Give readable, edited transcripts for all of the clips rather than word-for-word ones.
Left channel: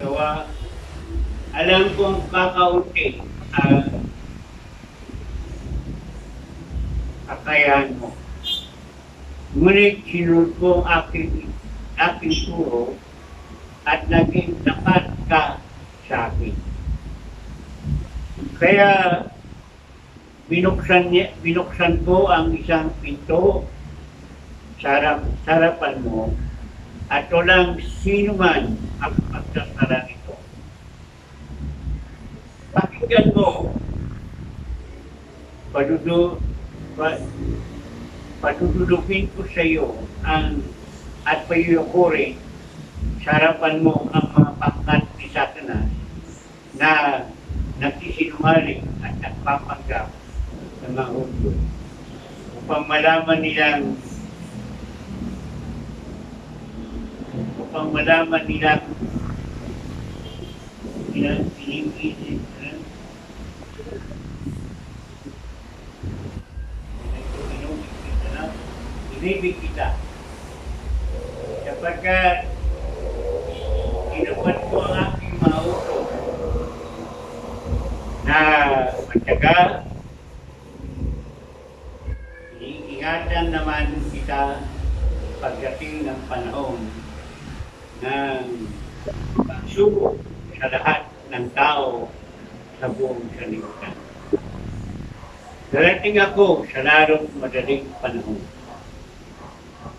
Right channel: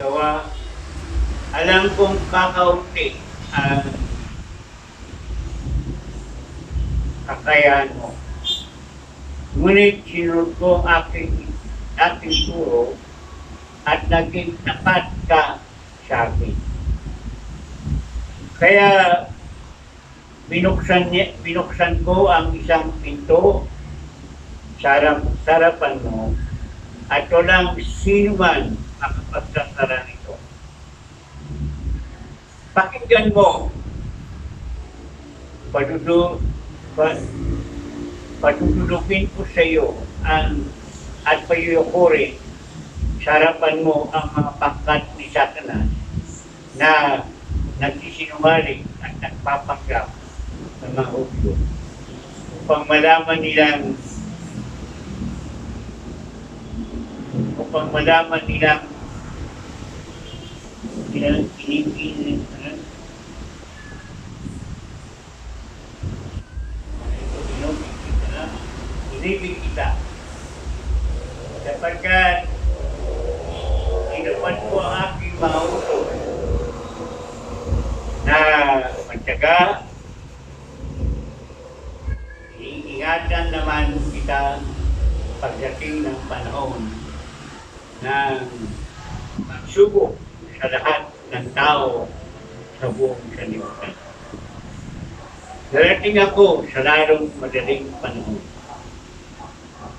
Gawa, alam kong kakaunti ang kakayahan mo. Ngunit sinunod ko ang aking turo at naging tapat ka sa akin. Kaya binuksan ko ang isang pinto sa harapan mo at walang sino man ang magsasara nito. Pakinggan mo, patutulugin ko sa iyo at payuyukurin sa harapan mo ang mga pangkat ni Satanas na nagsisinungaling at nagpapanggap ng mga Hudyo upang malaman nilang inibig kita sapagkat inupad ko ang aking mga utos na magtiyaga. Iingatan naman kita pagdating ng panahon ng pagsubok sa lahat ng tao sa buong sanlibutan. Darating ako sa lalong madaling panahon.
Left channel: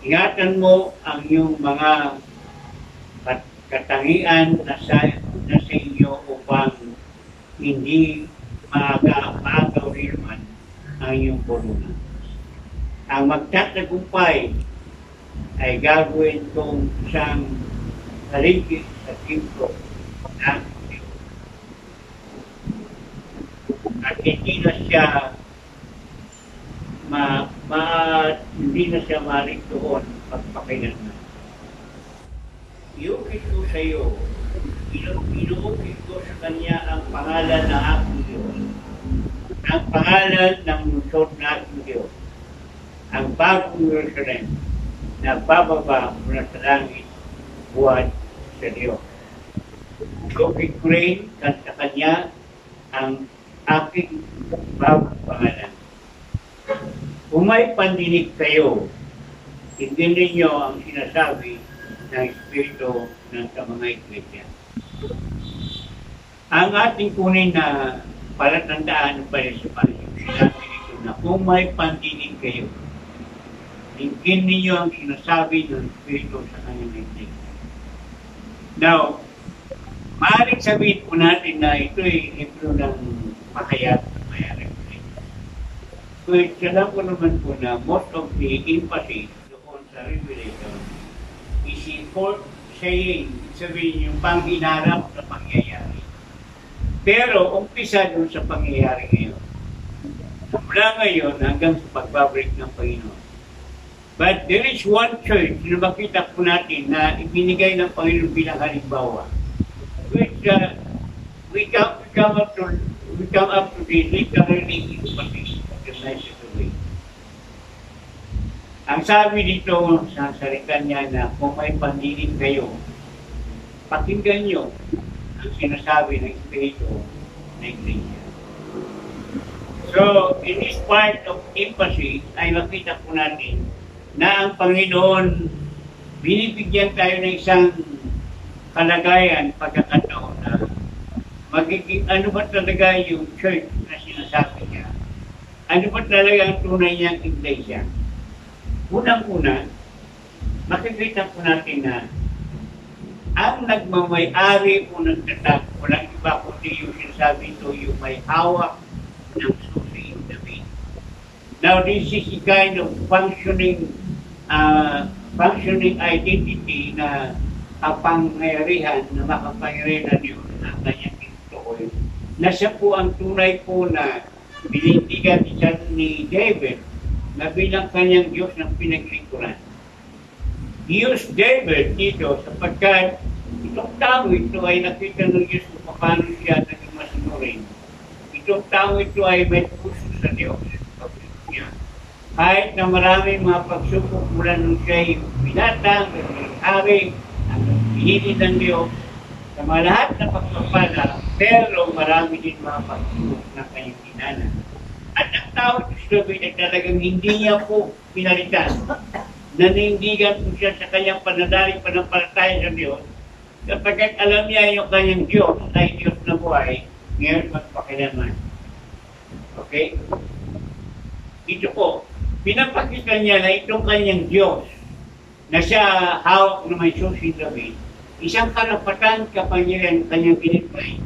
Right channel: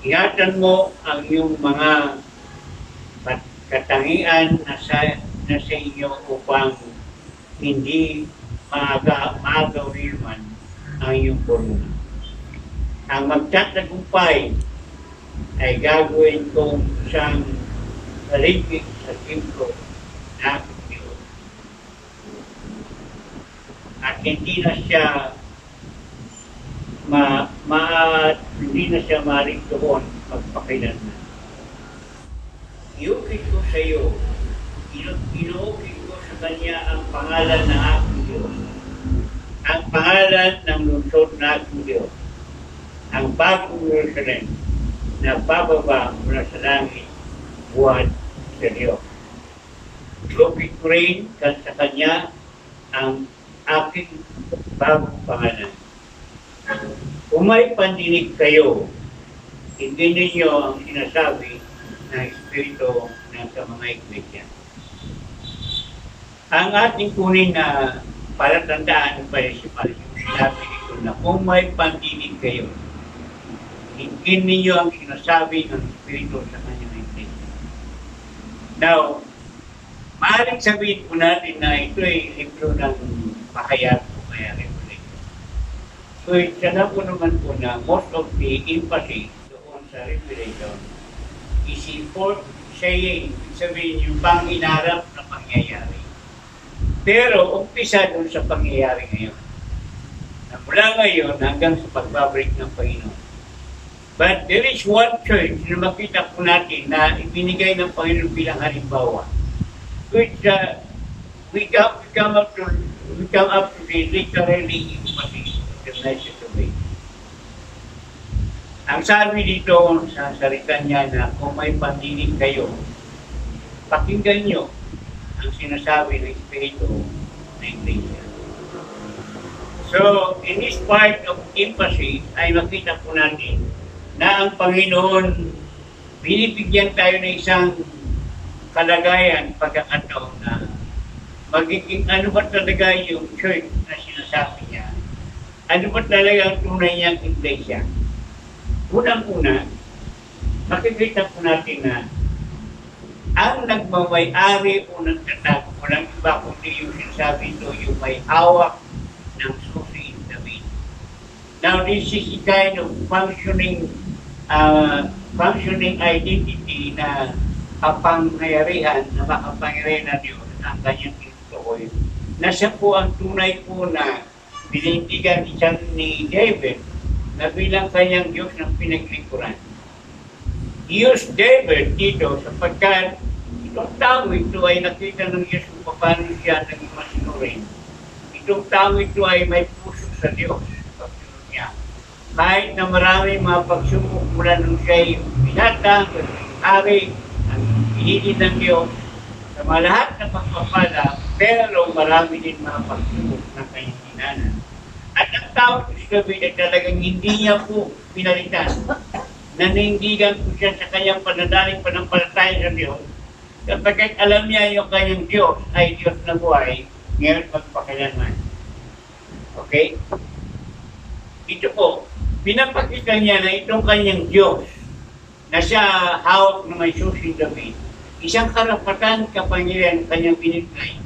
Ingatan mo ang iyong mga katangian na sa inyo upang hindi maagawin man ang iyong korona. Ang magtatagumpay ay gagawin kong isang haligid sa templo ng Diyos. At hindi na siya maaaring doon magpakailanman. Iukit ko sa iyo, inuukit ko sa kanya ang pangalan ng aking Diyos, ang pangalan ng lungsod ng aking Diyos, ang bagong Jerusalem na bababa mula sa langit buwan sa Diyos. Iukit ko rin sa kanya ang aking bagong pangalan. Kung may pandinig kayo, tingnan ninyo ang sinasabi ng Espiritu sa mga iglesia. Ang ating kunin na palatandaan ng Parisipal, yung sinabi nito na kung may pandinig kayo, tingnan ninyo ang sinasabi ng Espiritu sa kanyang iglesia. Now, maaaring sabihin po natin na ito ay libro ng pakayat ng mayari. So, alam ko naman po na most of the emphasis doon sa Revelation is for saying, sabihin yung pang-inarap na pangyayari. Pero, umpisa doon sa pangyayari ngayon. Na mula ngayon hanggang sa pagbabalik ng Panginoon. But there is one church na makita po natin na ibinigay ng Panginoon bilang halimbawa. Which we come up to the literally emphasis. Ang sabi dito sa salita niya na kung may pandinig kayo, pakinggan nyo ang sinasabi ng Espiritu ng Iglesia. So, in this part of emphasis ay makita po natin na ang Panginoon binibigyan tayo ng isang kalagayan, pagkakataon na magiging ano ba talaga yung church na sinasabi niya. Ano ba talaga ang tunay niyang iglesia? Unang-una, makikita po natin na ang nagmamay-ari o nagtatag, walang iba kundi yung sinasabi ito, yung may hawak ng susi in David. Now, this is a kind of functioning identity na kapangyarihan, na makapangyarihan na Diyos ang kanyang tinutukoy. Na siya po ang tunay po na binintigan ni David na bilang kanyang Diyos ng pinaglingkuran. Diyos David dito sapagkat itong tao ito ay nakita ng Diyos kung paano siya naging masinurin. Itong tao ito ay may puso sa Diyos. Niya. Kahit na maraming mga pagsubok mula nung siya'y binatang, hari, ang hinili ng Diyos, sa mga lahat ng pagpapala, pero marami din mga pagsubok ng kanyang dinaanan. At ang tao si David ay talagang hindi niya po pinalitan. Nanindigan po siya sa kanyang panadaling panampalataya sa Diyos. Kapagkat alam niya yung kanyang Diyos ay Diyos na buhay, ngayon magpakilanman. Okay? Ito po, pinapakita niya na itong kanyang Diyos na siya hawak na may susi David, isang karapatan kapangyarihan kanyang binigay.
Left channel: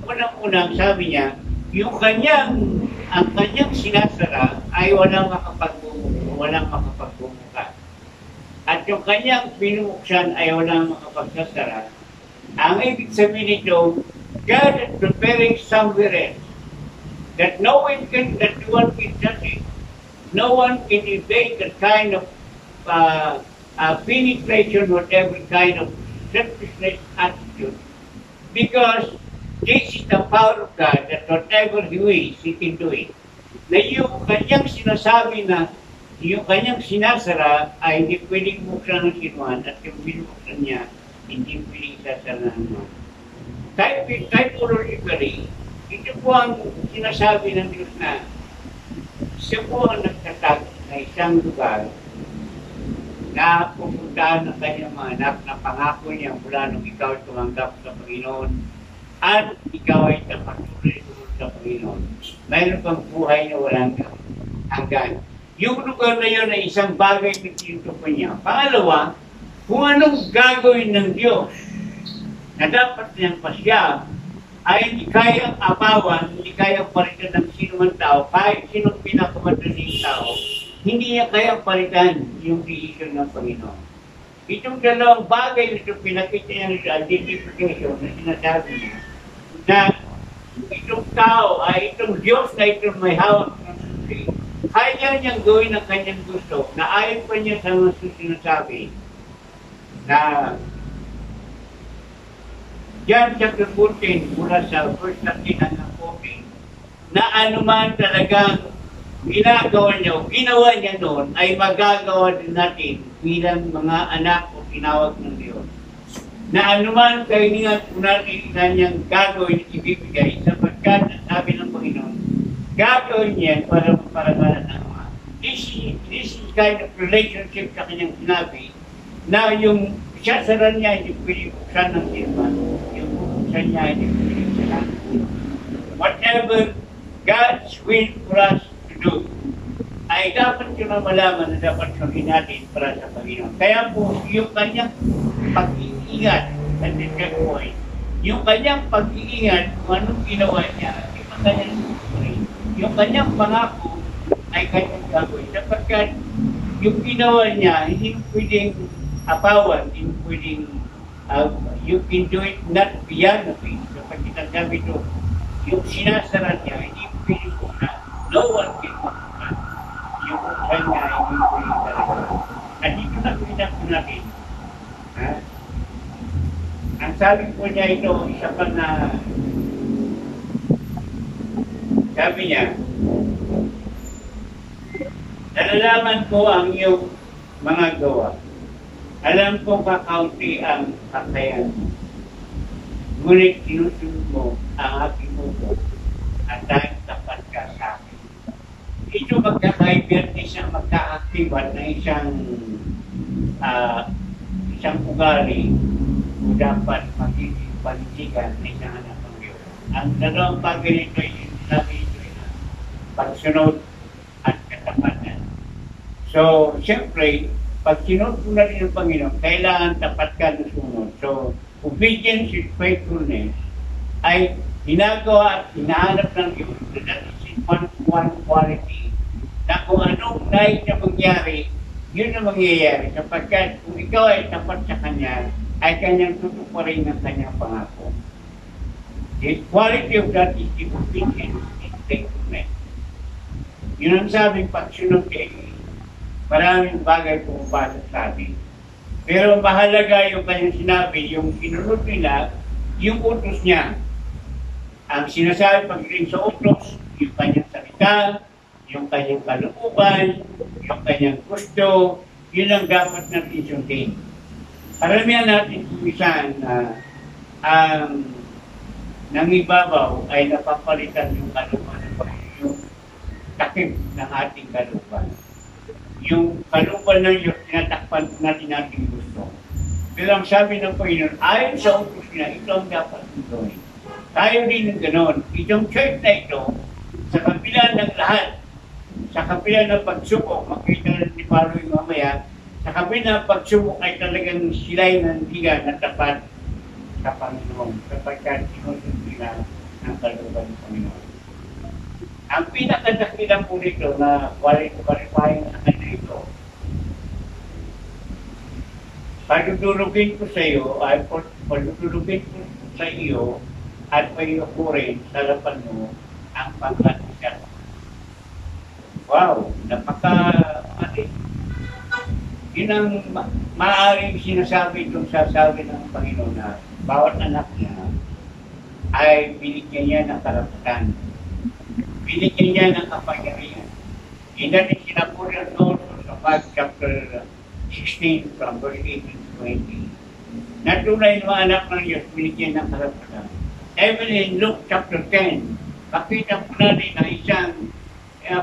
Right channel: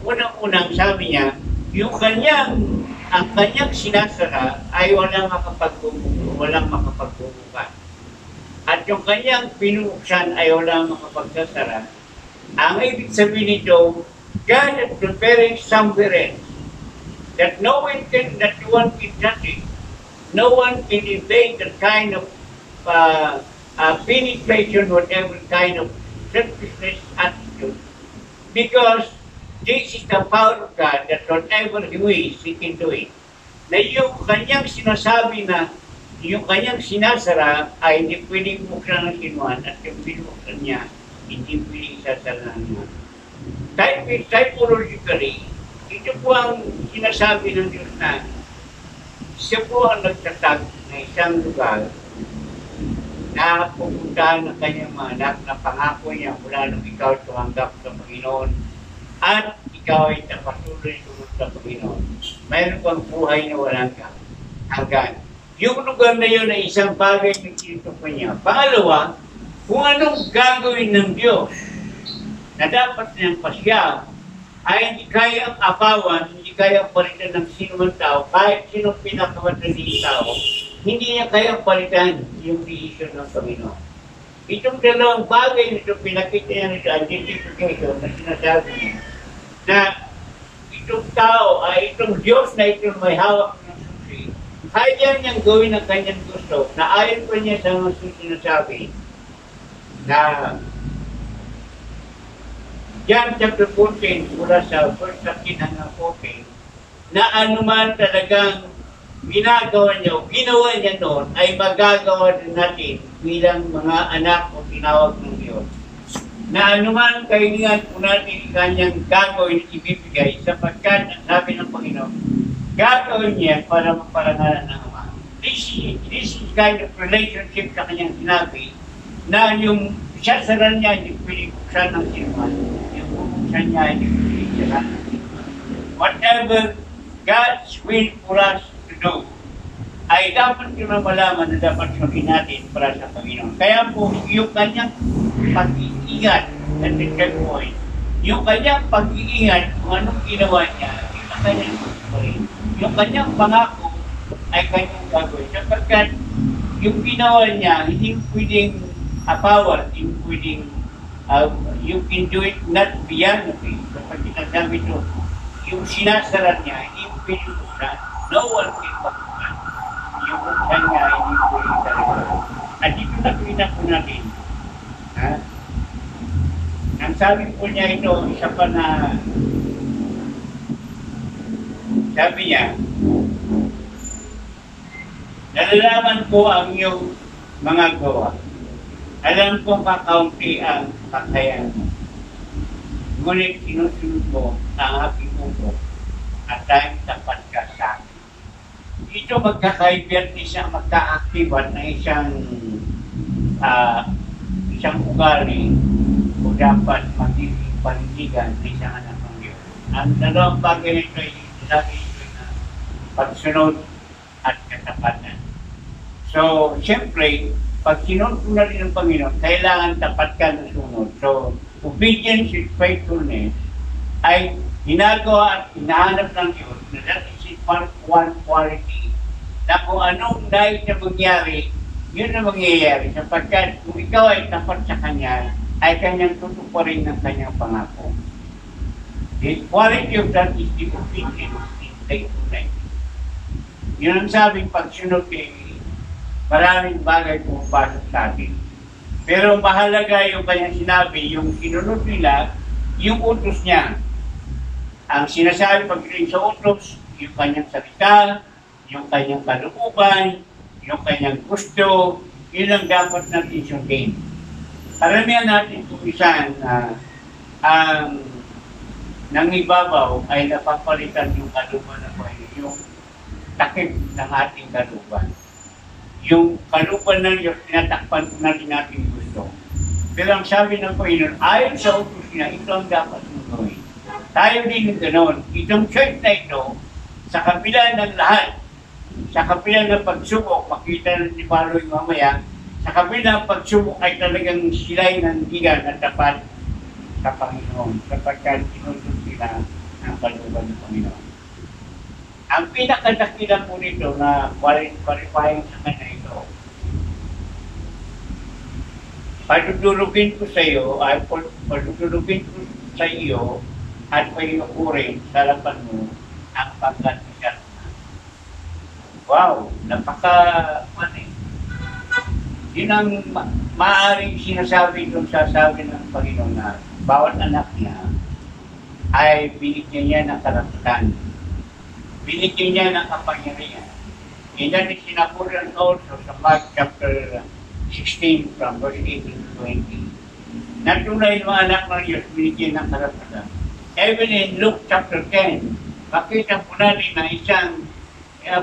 Unang-unang sabi niya, ang kanyang sinasara ay walang makapagbubukas. At yung kanyang pinubuksan ay walang makapagsasara. Ang ibig sabihin nito, God is preparing somewhere else that no one can touch it. No one can evade that kind of penetration, whatever kind of selfishness attitude. Because this is the power of God that whatever He wills, He can do it. Na yung kanyang sinasabi na yung kanyang sinasara ay hindi pwedeng buksan ng sinuhan at yung binuksan niya, hindi pwedeng isasara ng sinuhan. Typologically, ito po ang sinasabi ng Diyos na siya po ang nagtatag na isang lugar na pupuntahan ng kanyang mga anak na pangako niya mula nung ikaw tumanggap sa Panginoon at ikaw ay patuloy sunod sa Panginoon. Mayroon kang buhay na walang hanggan. Yung lugar na yun ay isang bagay na tinutupan niya. Pangalawa, kung anong gagawin ng Diyos na dapat niyang pasya ay hindi kayang apawan, hindi kayang palitan ng sino man tao, kahit sinong pinakamadaling tao, hindi niya kayang palitan yung decision ng Panginoon. Itong dalawang bagay na ito, pinakita niya sa identification na sinasabi niya, na itong tao ay itong Diyos na itong may hawak ng susi, kaya niyang gawin ang kanyang gusto, na ayon pa niya sa mga sinasabi na John chapter 14, mula sa verse 13 hanggang 14, na anuman talagang ginagawa niya o ginawa niya noon ay magagawa din natin bilang mga anak o tinawag ng Diyos. Na anuman kailangan po natin kanyang gagawin at ibibigay sapagkat ang sabi ng Panginoon, gagawin niya para maparangalan ng Ama. This is kind of relationship sa kanyang sinabi na yung isasaran niya hindi pwede buksan ng sinuman. Yung buksan niya hindi pwede buksan ng sinuman. Whatever God's will for us to do, ay dapat yun ang malaman na dapat sundin natin para sa Panginoon. Kaya po, yung kanyang pag-iingat, at the third point, yung kanyang pag-iingat kung anong ginawa niya, yung kanyang pangako ay kanyang gagawin. Sapagkat yung ginawa niya, hindi pwedeng apawan, hindi pwedeng, you can do it not beyond the faith. Sapagkat nagsabi ito, yung sinasaran niya, hindi pwedeng buksan. No one can buksan. Yung buksan niya, hindi pwedeng talaga. At dito nakita po natin, ang sabi po niya ito, isa pa na, sabi niya, nalalaman ko ang iyong mga gawa. Alam kong kakaunti ang kakayahan mo. Ngunit sinusunod mo ang aking upo at dahil tapat ka sa akin. Ito magkakaibig isang magkaaktiban na isang ugali o dapat magiging panindigan na isang anak ng Diyos. Ang dalawang bagay nito ay sinabi ito na pagsunod at katapatan. So, siyempre, pag sinunod mo na rin ng Panginoon, kailangan tapat ka na sunod. So, obedience with faithfulness ay ginagawa at hinahanap ng Diyos na that is one quality na kung anong nais na mangyari, yun na mangyayari. Sapagkat kung ikaw ay tapat sa Kanya, ay Kanyang tutuparin ng Kanyang pangako. The quality of that is the obedience and faithfulness. Yun ang sabing pagsunod kay maraming bagay pumapasok sa atin. Pero mahalaga yung kanyang sinabi, yung sinunod nila, yung utos niya. Ang sinasabi pagdating sa utos, yung kanyang salita, yung kanyang kalooban, yung kanyang gusto, yun ang dapat natin sundin. Karamihan natin kumisan ang nangibabaw ay napapalitan yung kalooban ng Panginoon, yung takip ng ating kalooban. Yung kalooban ng Diyos, tinatakpan natin ating gusto. Pero ang sabi ng Panginoon, ayon sa utos niya, ito ang dapat mong gawin. Tayo din ng ganoon. Itong church na ito, sa kabila ng lahat, sa kabila ng pagsubok, makita ni Paloy mamaya, sa kabila ng pagsubok ay talagang sila'y nandigan at tapat sa Panginoon, sapagkat sinusod sila ang kalooban ng Panginoon. Ang pinakadakila po nito na qualifying sa kanya ito, padudulugin ko sa iyo, ay padudulugin ko sa iyo at payukurin sa harapan mo ang pangkat ni Satan. Wow, napaka-mali. Yun ang maaaring sinasabi itong sasabi ng Panginoon na bawat anak niya ay binigyan niya ng karapatan. Binigyan niya ng kapangyarihan. And that is sinapunan also sa Mark chapter 16 from verse 18 to 20. Natunay ng mga anak ng Diyos binigyan ng karapatan. Even in Luke chapter 10, makita po natin na isang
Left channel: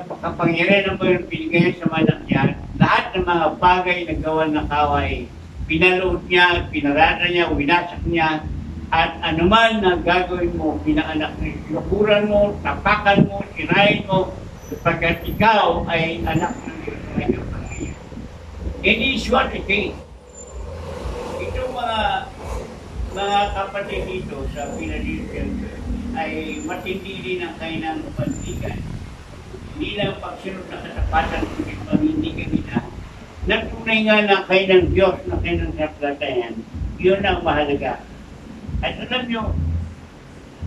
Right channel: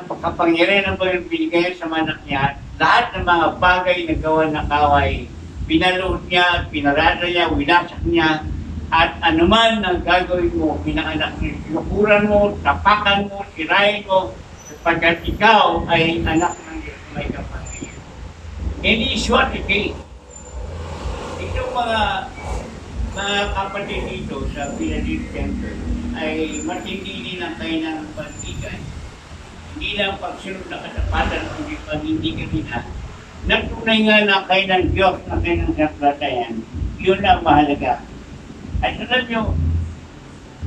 kapangyarihan ng Panginoon binigay sa mga anak niya. Lahat ng mga bagay na gawa ng kaway, pinalood niya, pinarada niya, winasak niya, at anuman na gagawin mo, pinaanak niyo, yukuran mo, tapakan mo, sirain mo, sapagkat ikaw ay anak ng Diyos na may kapangyarihan. And is what it is. Ito mga kapatid dito sa Philadelphia Church ay matindi din ang kailangan ng pantigan. Hindi lang pagsunod na katapatan, kundi panindigan nila. Natunay nga na kayo ng Diyos na kayo ng saklatayan, yun ang mahalaga. At alam nyo,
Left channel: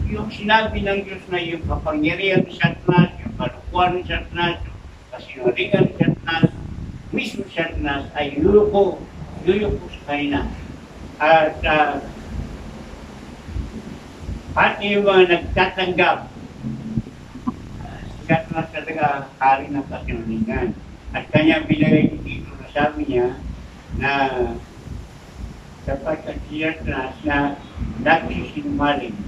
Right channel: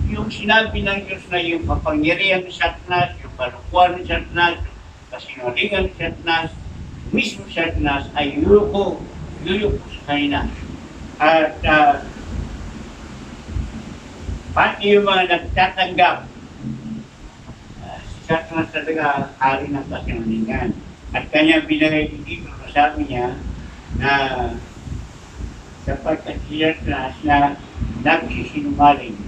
yung sinabi ng Diyos na yung kapangyarihan ng Satanas, yung kalukuhan ng Satanas, yung kasinungalingan ng Satanas, mismo Satanas ay yuyuko sa kanila. At pati yung mga nagtatanggap, Satanas talaga hari ng kasinungalingan. At kanya binigay dito na sabi niya na sapagkat si Satanas na nagsisinungaling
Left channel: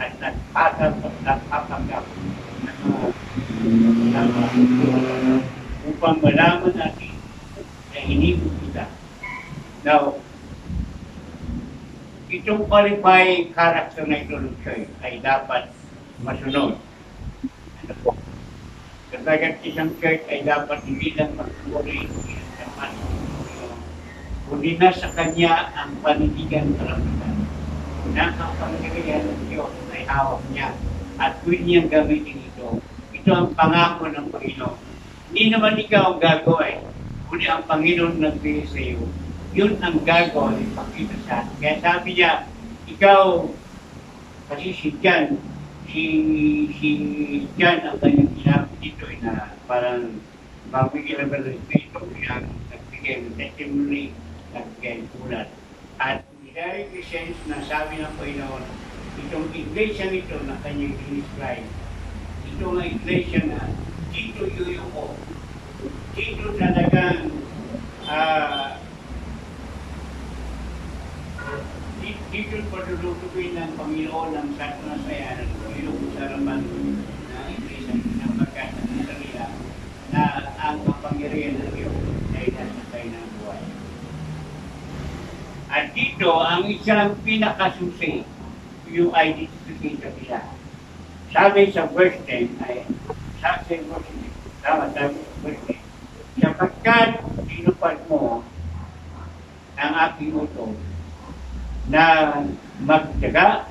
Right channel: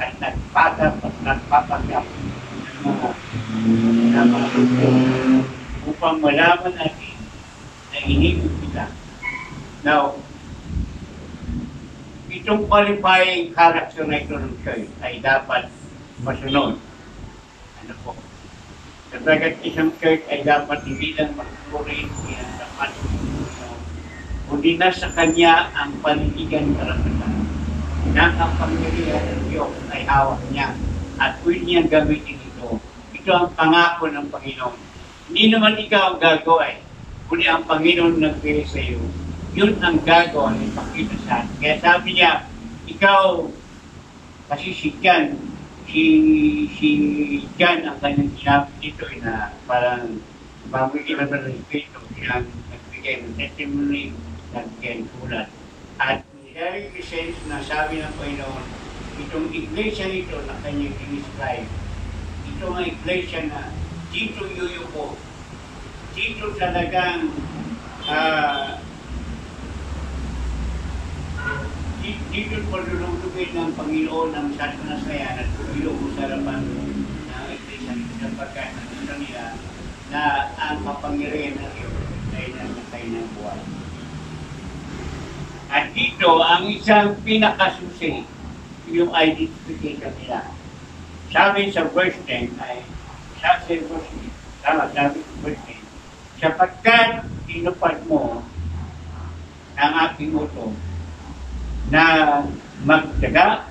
at nagpapanggap ng mga upang malaman natin na inibig kita. Now, itong qualifying character na ito ng church ay dapat masunod. Ano po? Sapagkat isang church ay dapat hindi lang magpuri ng tapat kundi nasa kanya ang panindigan karapatan na ang pangyarihan ng Diyos ay hawak niya at pwede niyang gamitin ito. Ito ang pangako ng Panginoon. Hindi naman ikaw ang gagawin, kundi ang Panginoon nagbili sa iyo. Yun ang gagawin, ipakita sa atin. Kaya sabi niya, ikaw, kasi si John ang kanyang sinabi dito na parang pamigil na ng Espiritu siyang nagbigay ng testimony, nagbigay ng sulat. At very presence na sabi ng Panginoon, itong iglesia nito na kanyang describe, ito ang iglesia na dito yuyuko, dito talagang dito palulugin ng Panginoon ng Satanas na yan at yuyuko sa harapan ng iglesia nito sapagkat nakita nila na ang kapangyarihan ng Diyos ay nasa kayo ng buhay. At dito, ang isang pinakasusi, yung identification nila. Sabi sa verse 10 ay, sabi sa verse 10, sapagkat tinupad mo ang aking utos na magtiyaga,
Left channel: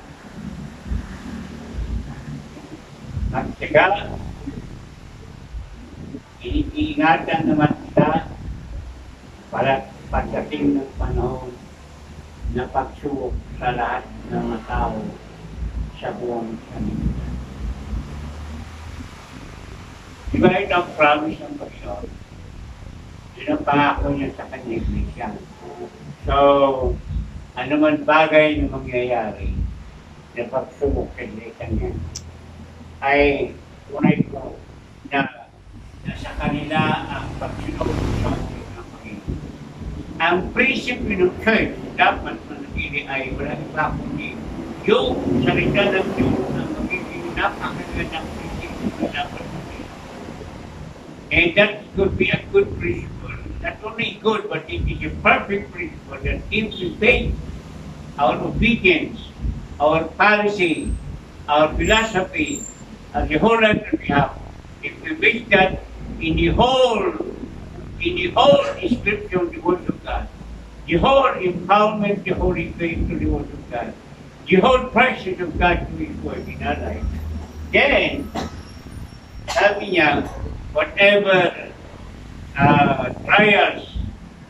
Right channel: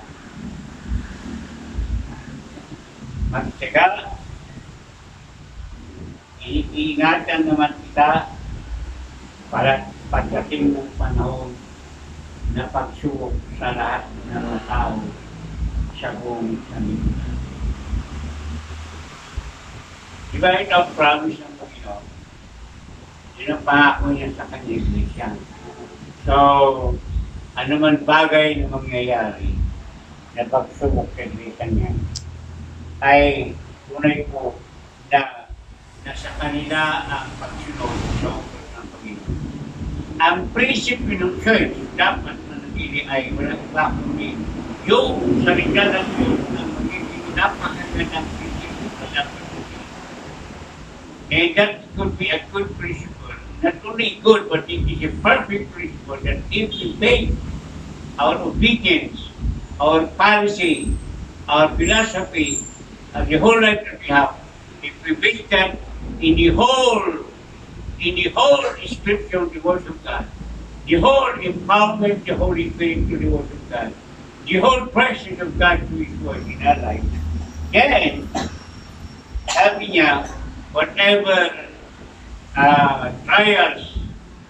iingatan naman kita para pagdating ng panahon na pagsubok sa lahat ng mga tao sa buong sanlibutan. Diba ito ang promise ng Panginoon? Yun ang pangako niya sa kanyang iglesia. So, anuman bagay na mangyayari na pagsubok sa iglesia niya, ay tunay ko na nasa kanila ang pagsunod ng Panginoon. Ang prinsipyo ng church dapat manatili ay wala iba kundi yung salita ng Diyos na magiging napakagandang prinsipyo na dapat maging. And that could be a good principle. Not only good, but it is a perfect principle that if we faith, our obedience, our policy, our philosophy, the whole life that we have, if we base that in the whole description of the Word of God, the whole empowerment of the Holy Spirit to the Word of God, the whole presence of God to His Word in our life, then, sabi niya, whatever trials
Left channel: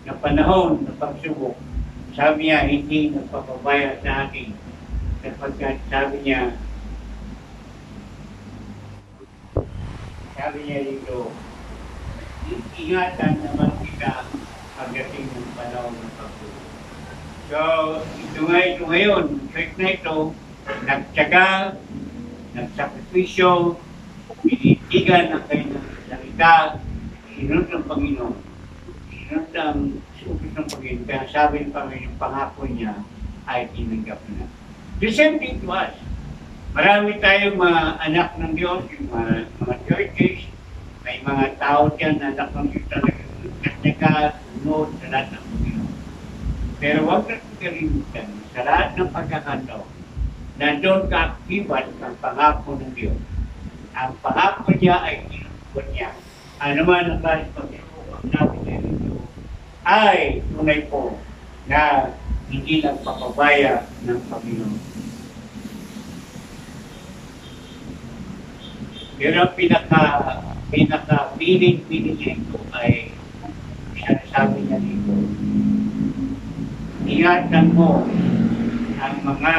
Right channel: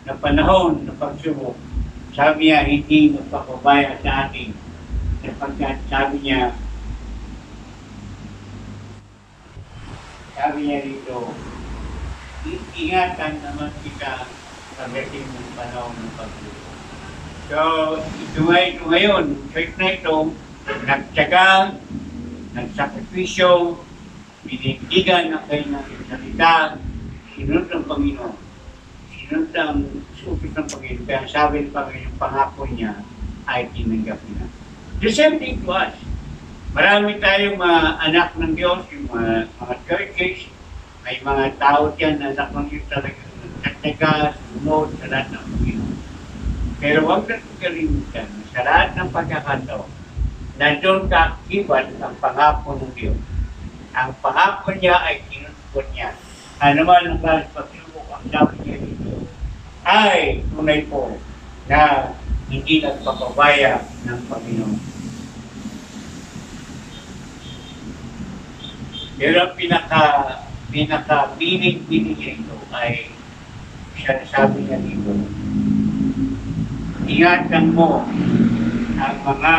na panahon na pagsubok, sabi niya, hindi magpapabaya sa atin. Sapagkat sabi niya dito, ingatan naman kita pagdating ng panahon ng pagsubok. So, ito ngayon, church na ito, nagtyaga, nagsakripisyo, binitigan ng kanyang salita, sinunod ng Panginoon. Sinunod ang supis ng Panginoon. Kaya sabi ng Panginoon, yung pangako niya ay tinanggap na. The same thing to us. Marami tayong mga anak ng Diyos, yung mga churches, may mga tao dyan na anak ng Diyos talaga nagtyaga, sunod sa lahat ng Panginoon. Pero huwag natin kalimutan sa lahat ng pagkakataon na doon kaakibat ang pangako ng Diyos. Ang pangako niya ay tinutupad niya. Ano man ang klase pagsubok, ang sabi niya dito ay tunay po na hindi nagpapabaya ng Panginoon. Pero ang pinaka-piling niya ito ay sabi niya dito, ingatan mo ang mga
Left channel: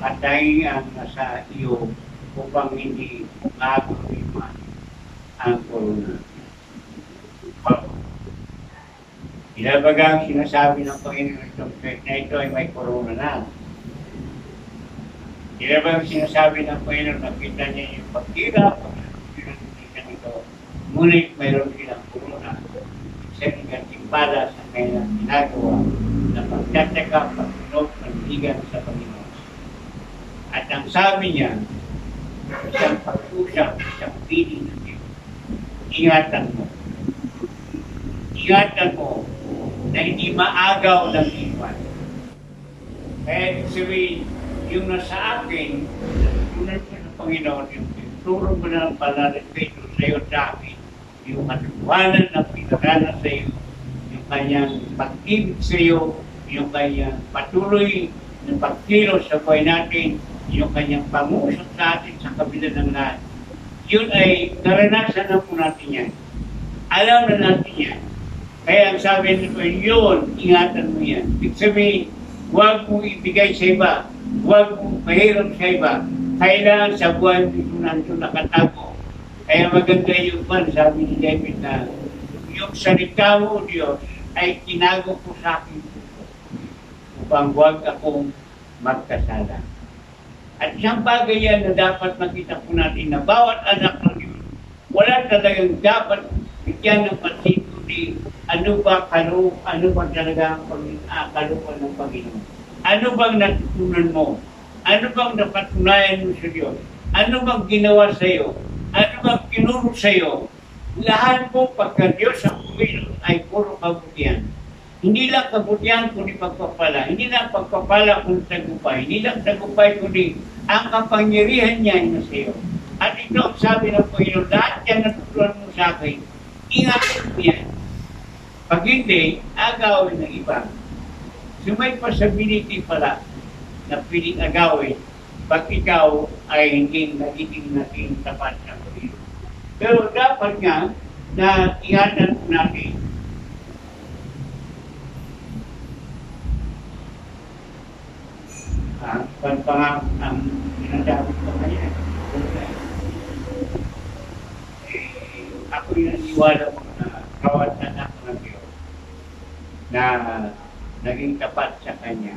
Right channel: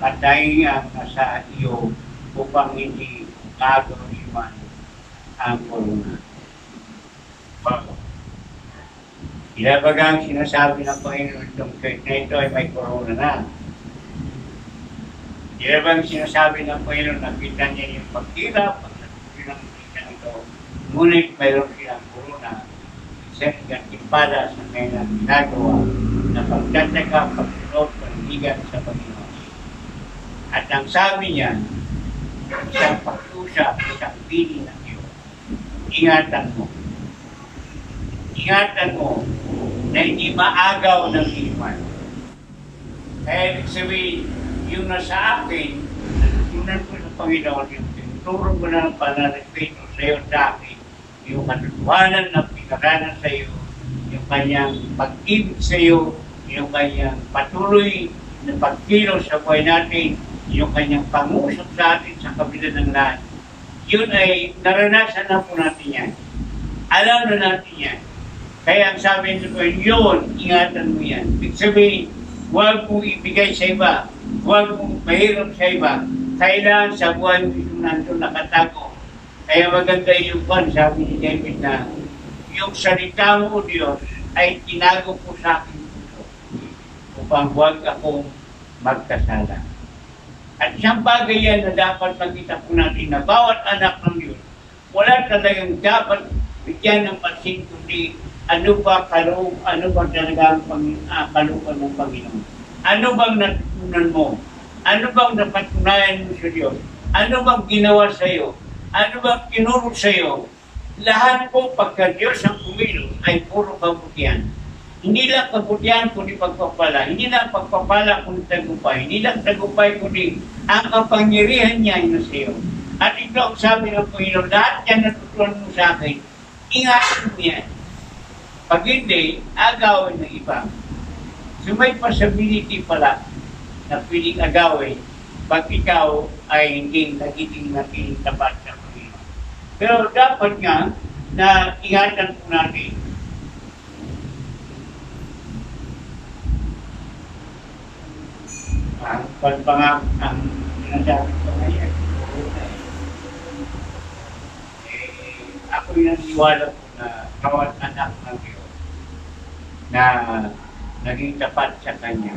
patay ang nasa iyo upang hindi magruiman ang corona. Ilabagang sinasabi ng Panginoon itong church na ito ay may corona na. Ilabagang sinasabi ng Panginoon nakita niya yung pagtira, pagkakita ng ito, ngunit mayroon silang corona. Isa rin timpada sa kanilang ginagawa na pagtataka, pagsunod, panligan sa Panginoon. At ang sabi niya, isang pag-usap, isang piling ng Diyos, ingatan mo. Ingatan mo na hindi maagaw ng iwan. Kaya sabihin, yung nasa akin, natutunan ko ng Panginoon, yung tinuturo ko ng panarespito sa iyo sa akin, yung katotohanan na pinaranas sa iyo, yung kanyang pag-ibig sa iyo, yung kanyang patuloy na pagkilos sa buhay natin, yung kanyang pangusap sa atin sa kabila ng lahat. Yun ay naranasan na po natin yan. Alam na natin yan. Kaya ang sabi nito, yun, ingatan mo yan. Ibig sabihin, huwag mong ibigay sa iba. Huwag mong mahirap sa iba. Kailangan sa buhay mo ito nandun nakatago. Kaya maganda yung pan, sabi ni David na, yung salita mo, Diyos, ay tinago po sa akin puso upang huwag akong magkasala. At isang bagay yan na dapat makita po natin na bawat anak ng Diyos, wala talagang dapat bigyan ng pansin kundi ano ba talaga ang kalupan ng Panginoon? Ano bang natutunan mo? Ano bang napatunayan mo sa Diyos? Ano bang ginawa sa iyo? Ano bang tinuro sa iyo? Lahat po pagka Diyos ang kumilos ay puro kabutihan. Hindi lang kabutihan kundi pagpapala. Hindi lang pagpapala kundi tagumpay. Hindi lang tagumpay kundi ang kapangyarihan niya ay nasa iyo. At ito ang sabi ng Panginoon, lahat yan natutunan mo sa akin, ingatan mo yan. Pag hindi, agawin ng iba. So may possibility pala na piling agawin pag ikaw ay hindi nagiging tapat sa Panginoon. Pero dapat nga na ingatan po natin ang sinasabi ko ngayon. Ako yung naniwala ko na bawat anak ng Diyos na naging tapat sa Kanya.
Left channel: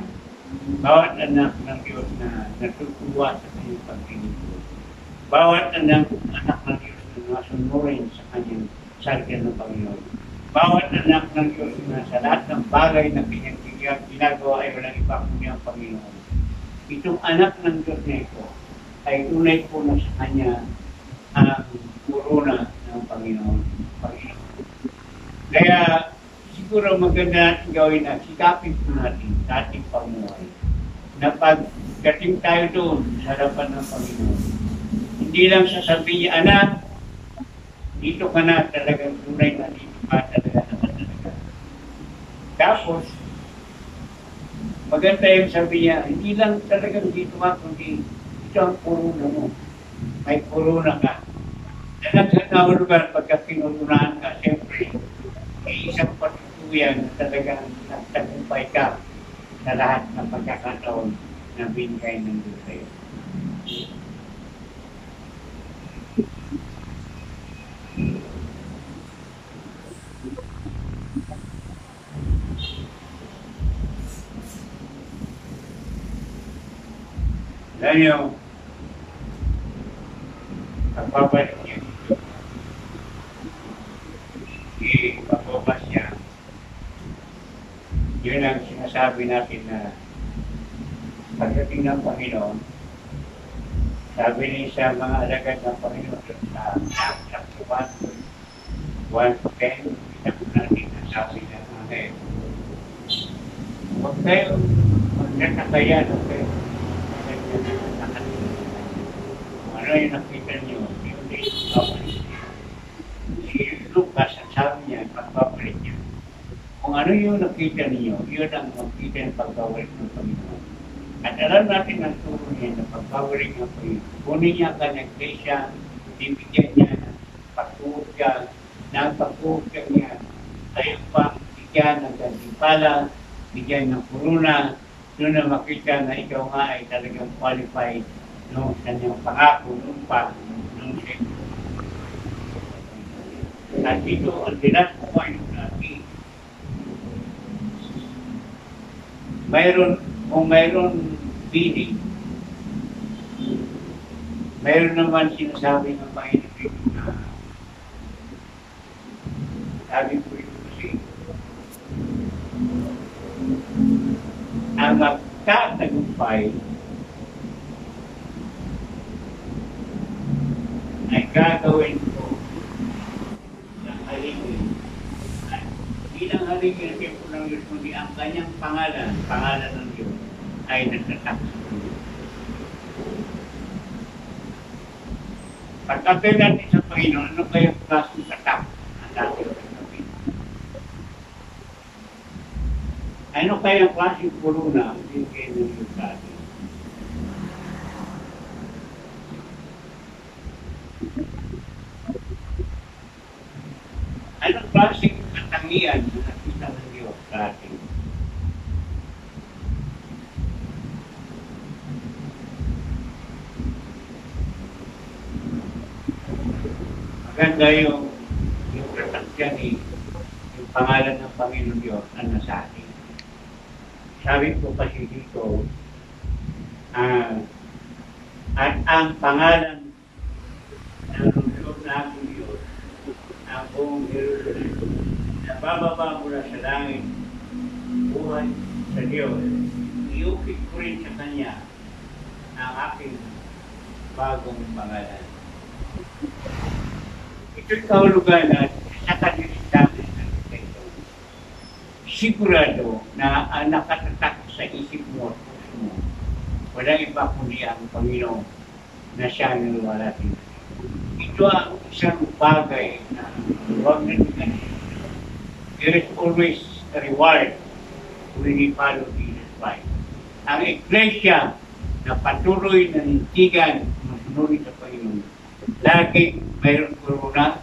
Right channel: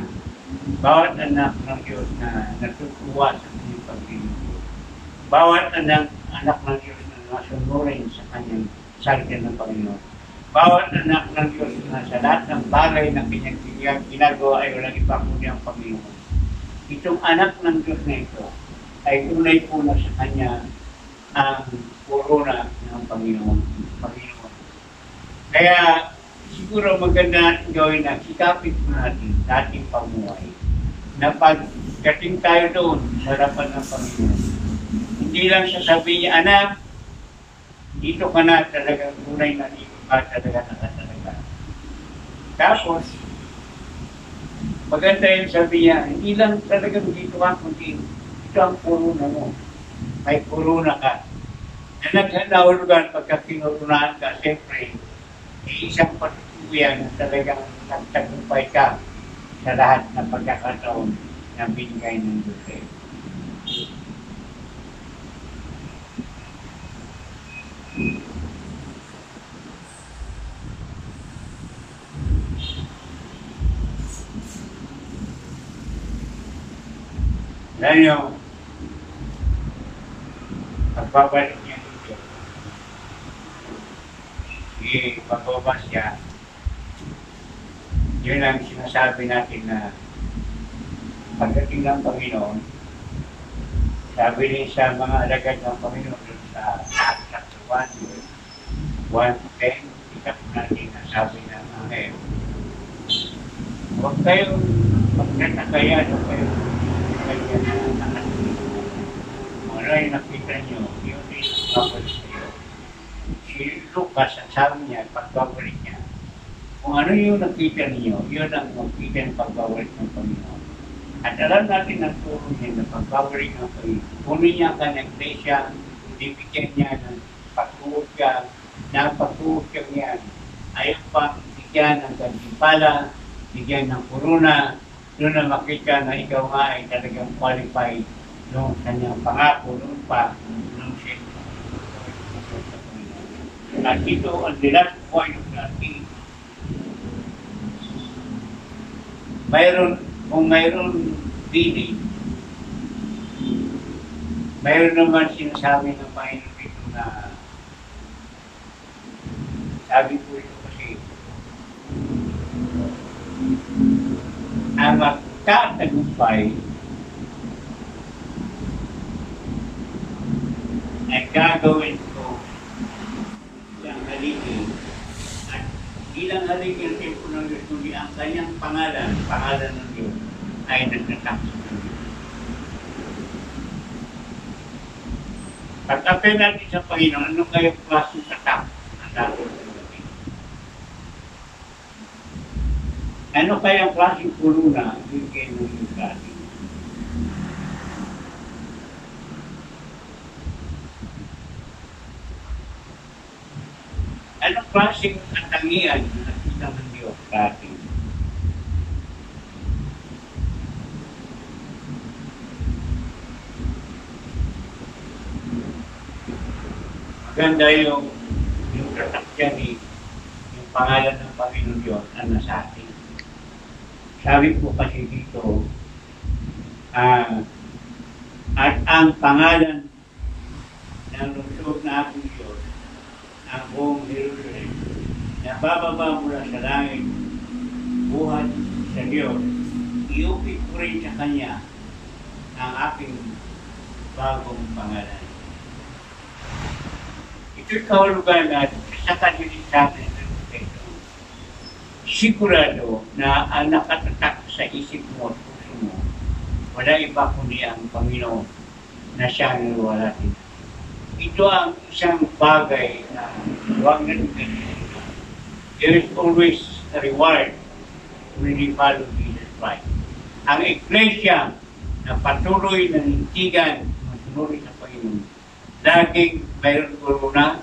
Bawat anak ng Diyos na natutuwa sa kanyang paglilingkod. Bawat anak ng Diyos na nasunurin sa kanyang salita ng Panginoon. Bawat anak ng Diyos na sa lahat ng bagay na kanyang ginagawa ay walang iba kundi ang Panginoon. itong anak ng Diyos na ito ay tunay po na sa Kanya ang corona ng Panginoon. Kaya siguro maganda natin gawin na sikapin po natin sa ating pamuhay na pagdating tayo doon sa harapan ng Panginoon, hindi lang sasabihin niya, anak, dito ka na talagang tunay na dito ka talaga. Tapos, maganda yung sabi niya, hindi lang talagang dito ka, kundi ito ang corona mo. May corona ka. Na naghanahulugan pagka kinurunahan ka, siyempre, may isang patutuyan na talagang nagtagumpay ka sa lahat ng pagkakataon na binigay ng Diyos sa'yo. Yan yung pagbabalik niya. Pagbabas niya, yun ang sinasabi natin na pagdating ng Panginoon, sabi niya sa mga alagad ng Panginoon sa chapter 1 to 10, kita po natin na sabi ng Angel, huwag kayong magtatakayan, huwag kayong kung ano yung nakita nyo, yun din pagbabalik niyo. Si Lucas, ang sabi niya, pagbabalik niya. Kung ano yung nakita niyo, yun ang makita ng pagbabalik ng Panginoon. At alam natin ang turo niya na pagbabalik ng Panginoon. Kunin niya ka ng iglesia, bibigyan niya ng pagtuot ka, na pagtuot ka niya, tayo pa, bigyan ng gantimpala, bigyan ng corona, doon na makita na ikaw nga ay talagang qualified noong kanyang pangako noon pa noong siya. At ito ang last point natin. Kung mayroon bidding, mayroon naman sinasabi ng Panginoon dito na sabi ko ito kasi ang magtatagumpay ay gagawin ko ng haligi at ilang haligi ang tempo ng Diyos kundi ang kanyang pangalan ng Diyos ay nagtatakso ng Diyos. Pagkapin natin sa Panginoon, ano kayong klaseng tatak na natin sa Panginoon? Ano kayang klaseng corona ang bigay ng Diyos sa atin? Anong klaseng katangian na nakita ng Diyos sa atin? Maganda yung tatakyan yung pangalan ng Panginoon Diyos na nasa atin. Sabi po kasi dito, at ang pangalan ng lungsod na akong Diyos, ang buong Jerusalem, na bababa mula sa langit, buhat sa Diyos, iukit ko rin sa Kanya ang aking bagong pangalan. Ito'y kahulugan at sa kanilisanan ng ito. Sigurado na ang nakatatak sa isip mo at puso mo, wala iba kundi ang Panginoon na siya ang niwalatin. Ito ang isang bagay na huwag na ganito. There is always a reward when we follow Jesus Christ. Ang iglesia na patuloy na nintigan masunod sa Panginoon, laging mayroon corona,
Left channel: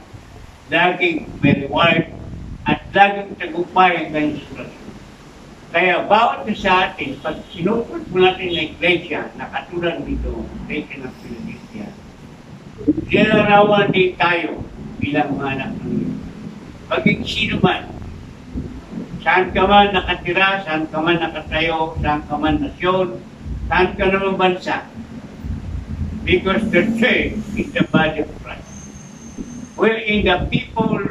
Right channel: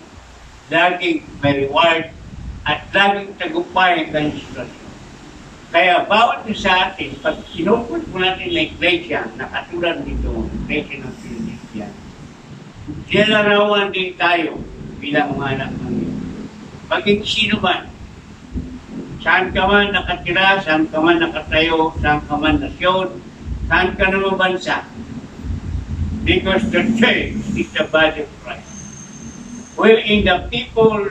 laging may reward, at laging tagumpay ang kanyang sitwasyon. Kaya bawat sa atin, pag sinupot mo natin na iglesia, na katulad dito, iglesia ng Philadelphia, sinarawan din tayo bilang mga anak ng Diyos. Maging sino man, saan ka man nakatira, saan ka man nakatayo, saan ka man nasyon, saan ka naman bansa. Because the church is the body of Christ. Wherein the people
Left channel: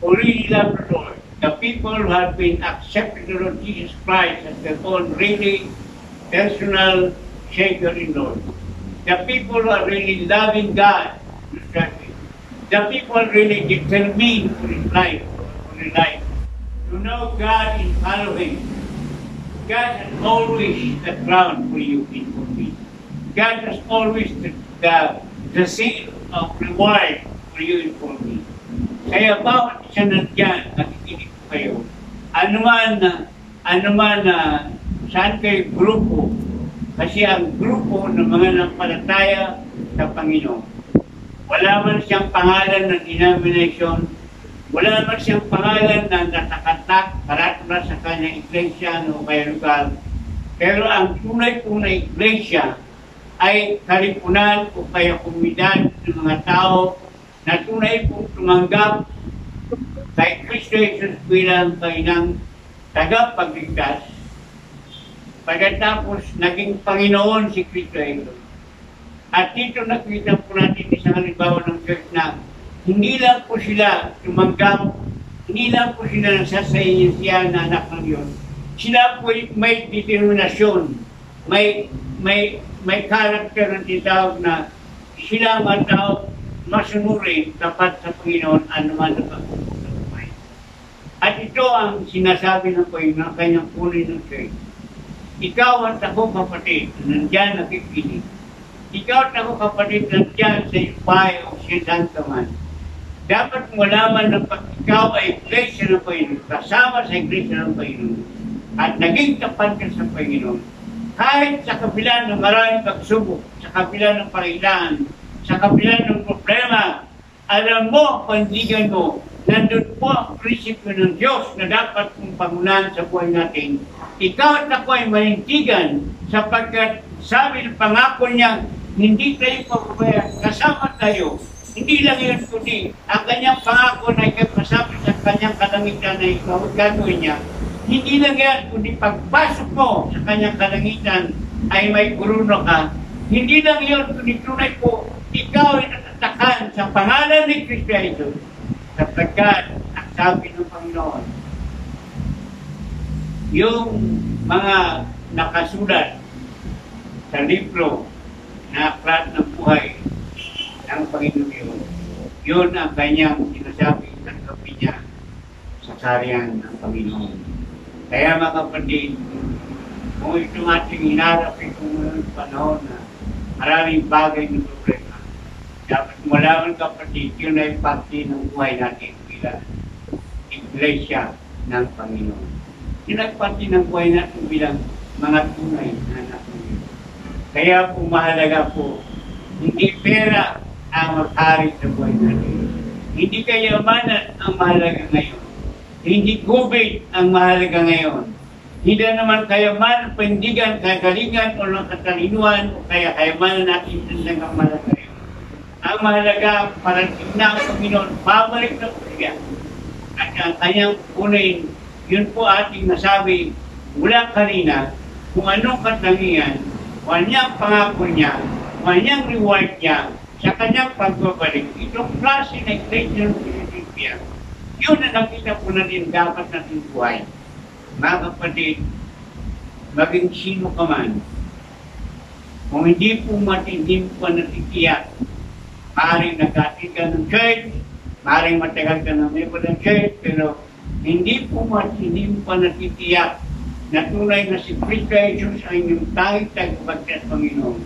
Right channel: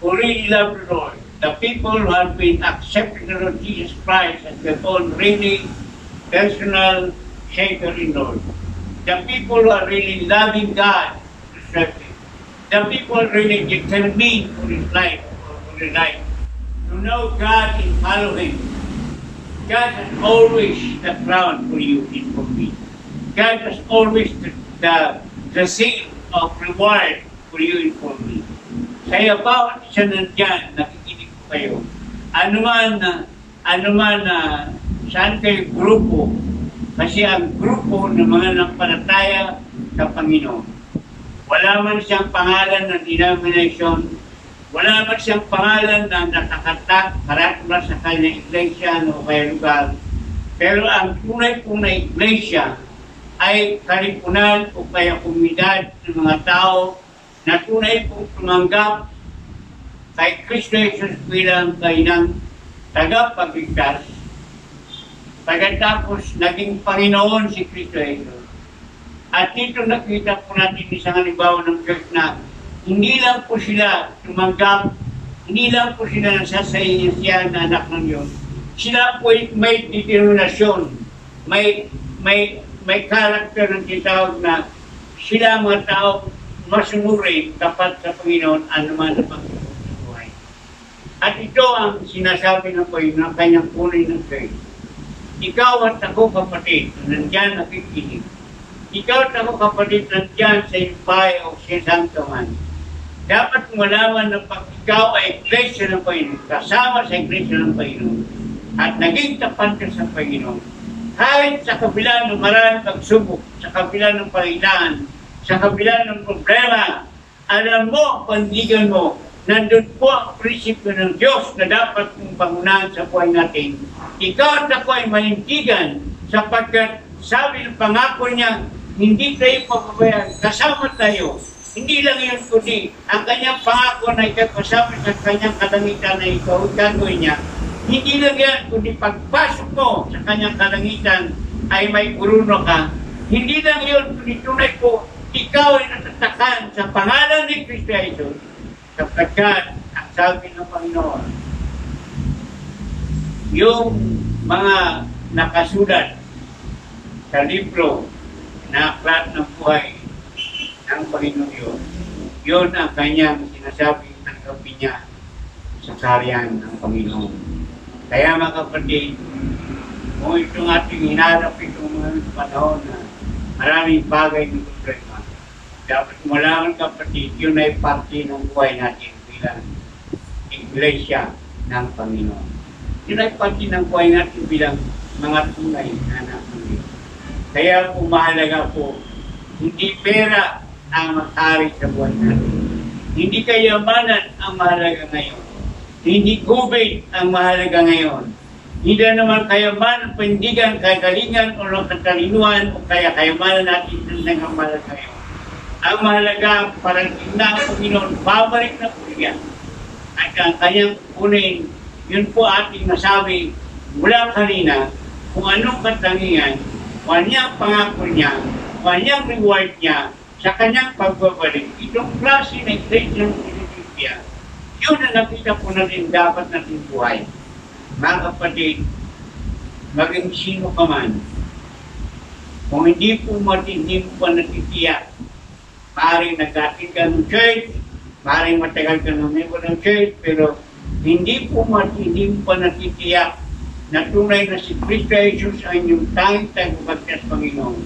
who really love the Lord, the people who have been accepted the Lord Jesus Christ as their own really personal Savior and Lord. The people who are really loving God to serve Him. The people really determined for His life, for their life, to know God and follow Him. God has always the crown for you and for me. God has always the seal of reward for you and for me. Kaya bawat isa nandyan, nakikinig ko kayo, anuman na saan kayo grupo, kasi ang grupo ng mga nampalataya sa Panginoon. Wala man siyang pangalan ng denomination, wala man siyang pangalan na natakatak, karatula sa kanyang iglesia o kaya lugar. Pero ang tunay-tunay iglesia ay kalipunan o kaya komunidad ng mga tao na tunay pong tumanggap kay Kristo Jesus bilang kanilang tagapagligtas. Pagkatapos naging Panginoon si Kristo Jesus. At dito nakita po natin isang halimbawa ng church na hindi lang po sila tumanggap, hindi lang po sila nasasayin na anak ng Diyos. Sila po may determinasyon, may karakter ng tinatawag na sila mga tao masunurin tapat sa Panginoon anuman na pagkakas ng buhay. At ito ang sinasabi ng Panginoon ng kanyang punay ng church. Ikaw at ako kapatid, nandyan nakikinig. Ikaw at ako kapatid, nandyan sa iyong bahay o siyang ka man. Dapat malaman na pag ikaw ay iglesia ng Panginoon, kasama sa iglesia ng Panginoon, at naging tapat ka sa Panginoon, kahit sa kabila ng maraming pagsubok, sa kabila ng pangailangan, sa kabila ng problema, alam mo, pandigan mo, nandun po ang prinsipyo ng Diyos na dapat mong pangunahan sa buhay natin. Ikaw at ako ay manindigan sapagkat sabi ng pangako niya, hindi tayo pababayaan, kasama tayo. Hindi lang yun kundi ang kanyang pangako na ikapasapit sa kanyang kalangitan na ikaw gagawin niya. Hindi lang yan kundi pagpasok mo sa kanyang kalangitan ay may kuruno ka. Hindi lang yun kundi tunay po ikaw ay natatakan sa pangalan ni Kristo Jesus sapagkat ang sabi ng Panginoon yung mga nakasulat sa libro na aklat ng buhay ng Panginoon yun ang kanyang sinasabing tanggapin niya sa karyan ng Panginoon. Kaya mga kapatid, kung itong ating hinarap itong panahon na maraming bagay ng problema, dapat malaman kapatid, yun ay parte ng buhay natin bilang iglesia ng Panginoon. Yun ay parte ng buhay natin bilang mga tunay na anak ng Diyos. Kaya po mahalaga po, hindi pera ang mag-ari sa buhay natin. Hindi kayamanan ang mahalaga ngayon. Hindi COVID ang mahalaga ngayon. Hindi naman kayamanan, pandigan, kagalingan, o katalinuhan, o kaya kayamanan natin ang mahalaga ngayon. Ang mahalaga, parating na ang Panginoon, babalik na po siya. At ang kanyang kunin, yun po ating nasabi mula kanina, kung anong katangian, kung anong pangako niya, kung anong reward niya, sa kanyang pagbabalik. Itong klase na iglesia ng Pilipia, yun na nakita po natin dapat natin buhay. Mga kapatid, maging sino ka man, kung hindi po matindi pa natitiyak, maaaring nagkatid ka ng church, maaaring matagal ka ng member ng church, pero hindi po matindi pa natitiyak na tunay na si Kristo Jesus ay inyong tanging tagapagligtas Panginoon.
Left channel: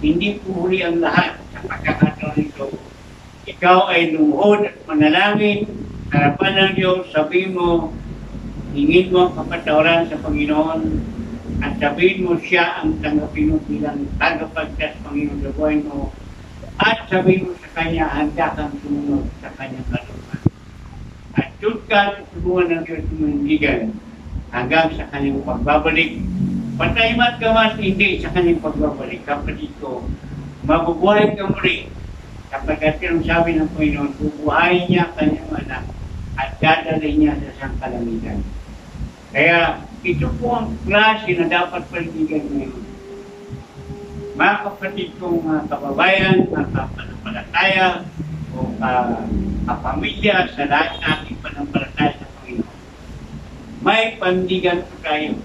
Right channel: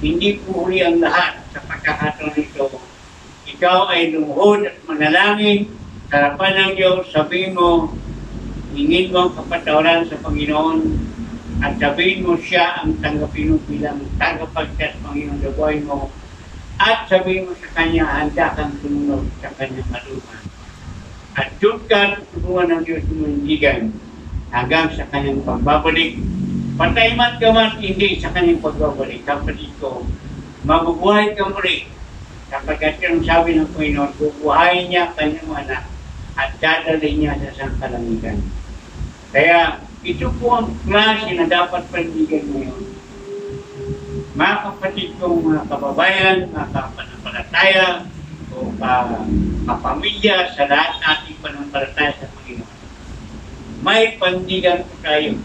Hindi po huli ang lahat sa pagkakataon nito. Ikaw ay lumuhod at manalangin, harapan ng Diyos, sabihin mo, hingin mo ang kapatawaran sa Panginoon, at sabihin mo siya ang tanggapin mo bilang tagapagligtas Panginoon sa buhay mo, at sabihin mo sa Kanya, handa kang sumunod sa Kanyang kalooban. At doon ka tutulungan ng Diyos mo hindigan hanggang sa Kanyang pagbabalik. Patay man ka man, hindi sa Kanyang pagbabalik. Kapatid ko, mabubuhay ka muli. Kapagkat yung sabi ng Panginoon, bubuhayin niya Kanyang anak at dadalhin niya sa isang kalangitan. Kaya ito po ang klase na dapat panindigan ngayon. Mga kapatid kong mga kababayan, mga kapanampalataya, o kapamilya sa lahat nating panampalataya sa Panginoon. May pandigan po tayo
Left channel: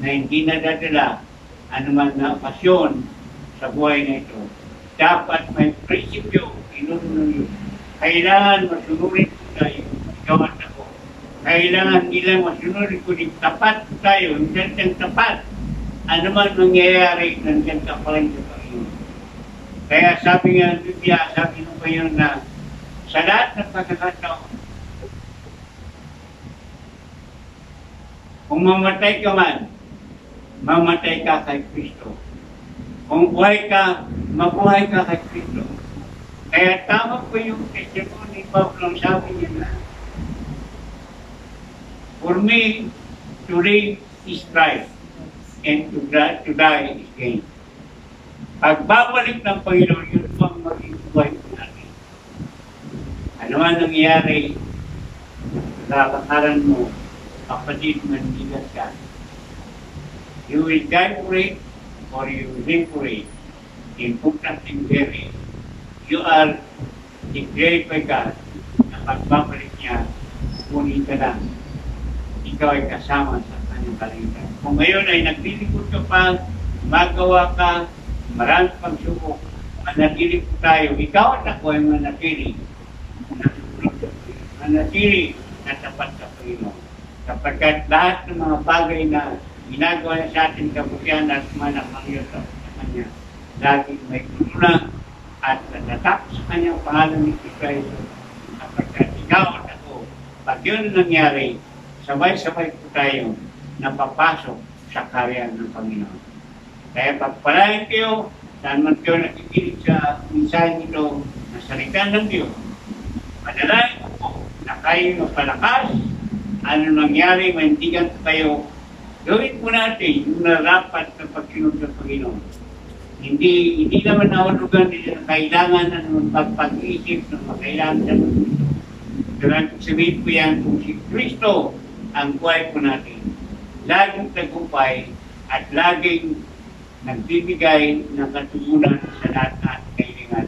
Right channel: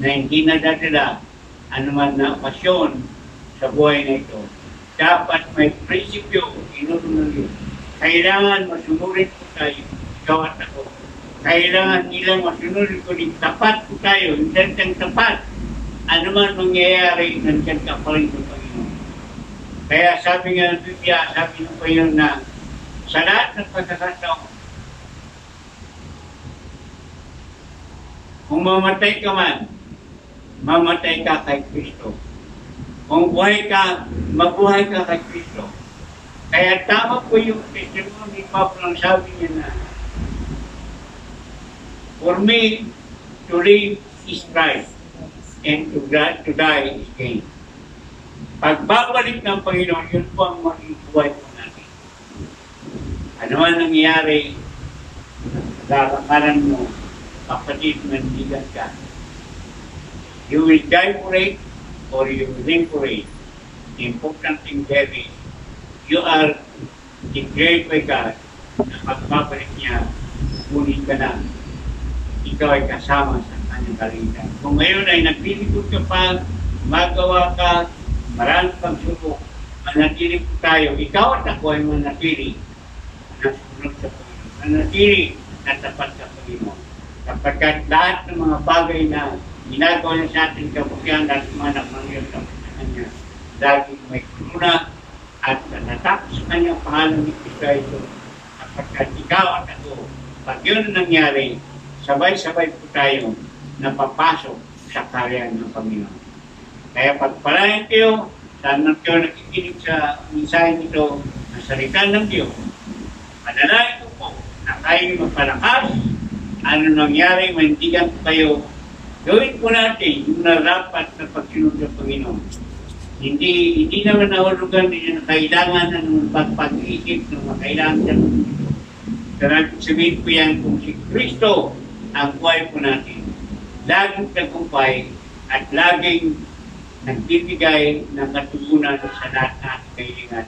na hindi nadadala anuman na okasyon sa buhay na ito, dapat may prinsipyo, inunod. Kailangan masunurin po tayo, ikaw at ako. Kailangan nila masunurin ko din, tapat po tayo, hindi tapat. Anuman mangyayari, nandiyan ka pa rin sa Panginoon. Kaya sabi nga ng Biblia, sabi ng Panginoon na sa lahat ng pagkakataon, kung mamatay ka man, mamatay ka kay Kristo. Kung buhay ka, mabuhay ka kay Kristo. Kaya tama po yung testimony ni Pablo, ang sabi niya na, for me, to live is Christ, and to die is gain. Pagbabalik ng Panginoon, yun po ang maging buhay po natin. Ano ang nangyari, lalakaran mo, kapatid, mandigan ka. You will die for it or you will live for it. The important thing there is you are declared by God na pagbabalik niya, ngunit ka lang. Ikaw ay kasama sa kanyang kaligtasan. Kung ngayon ay nagpilikod ka pa, magawa ka, marami pang subok, manatili po tayo. Ikaw at ako ay manatili na sumunod sa Panginoon. Manatili na tapat sa Panginoon. Kapagkat lahat ng mga bagay na ginagawa niya sa ating kabutihan at manak ng Diyos sa Kanya, laging may kuruna at natatak sa Kanyang pangalan ni Kristo Jesus. Kapagkat ikaw at ako, pag yun nangyari, sabay-sabay po tayo na papasok sa karyan ng Panginoon. Kaya pagpalain kayo, saan man kayo nakikinig sa mensahe nito na salita ng Diyos, manalangin ko po na kayo mapalakas. Ano nangyari, maintindihan po kayo, gawin po natin yung narapat na pagsunod ng Panginoon. Hindi naman nahulugan din na kailangan ng pag-isip ng kailangan sa mundo. Pero sabihin po yan, kung si Kristo ang buhay po natin, laging tagumpay at laging nagbibigay ng katugunan sa lahat ng ating kailangan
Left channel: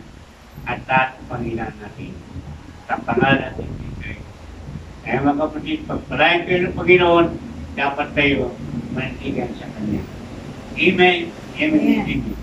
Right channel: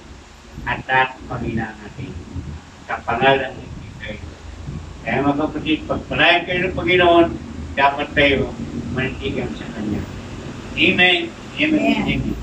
at lahat ng Panginoon natin. Sa pangalan ng Kristo. Kaya mga kapatid, pagpalayan kayo ng Panginoon, dapat tayo manitigan sa Kanya. Amen. Amen. Amen.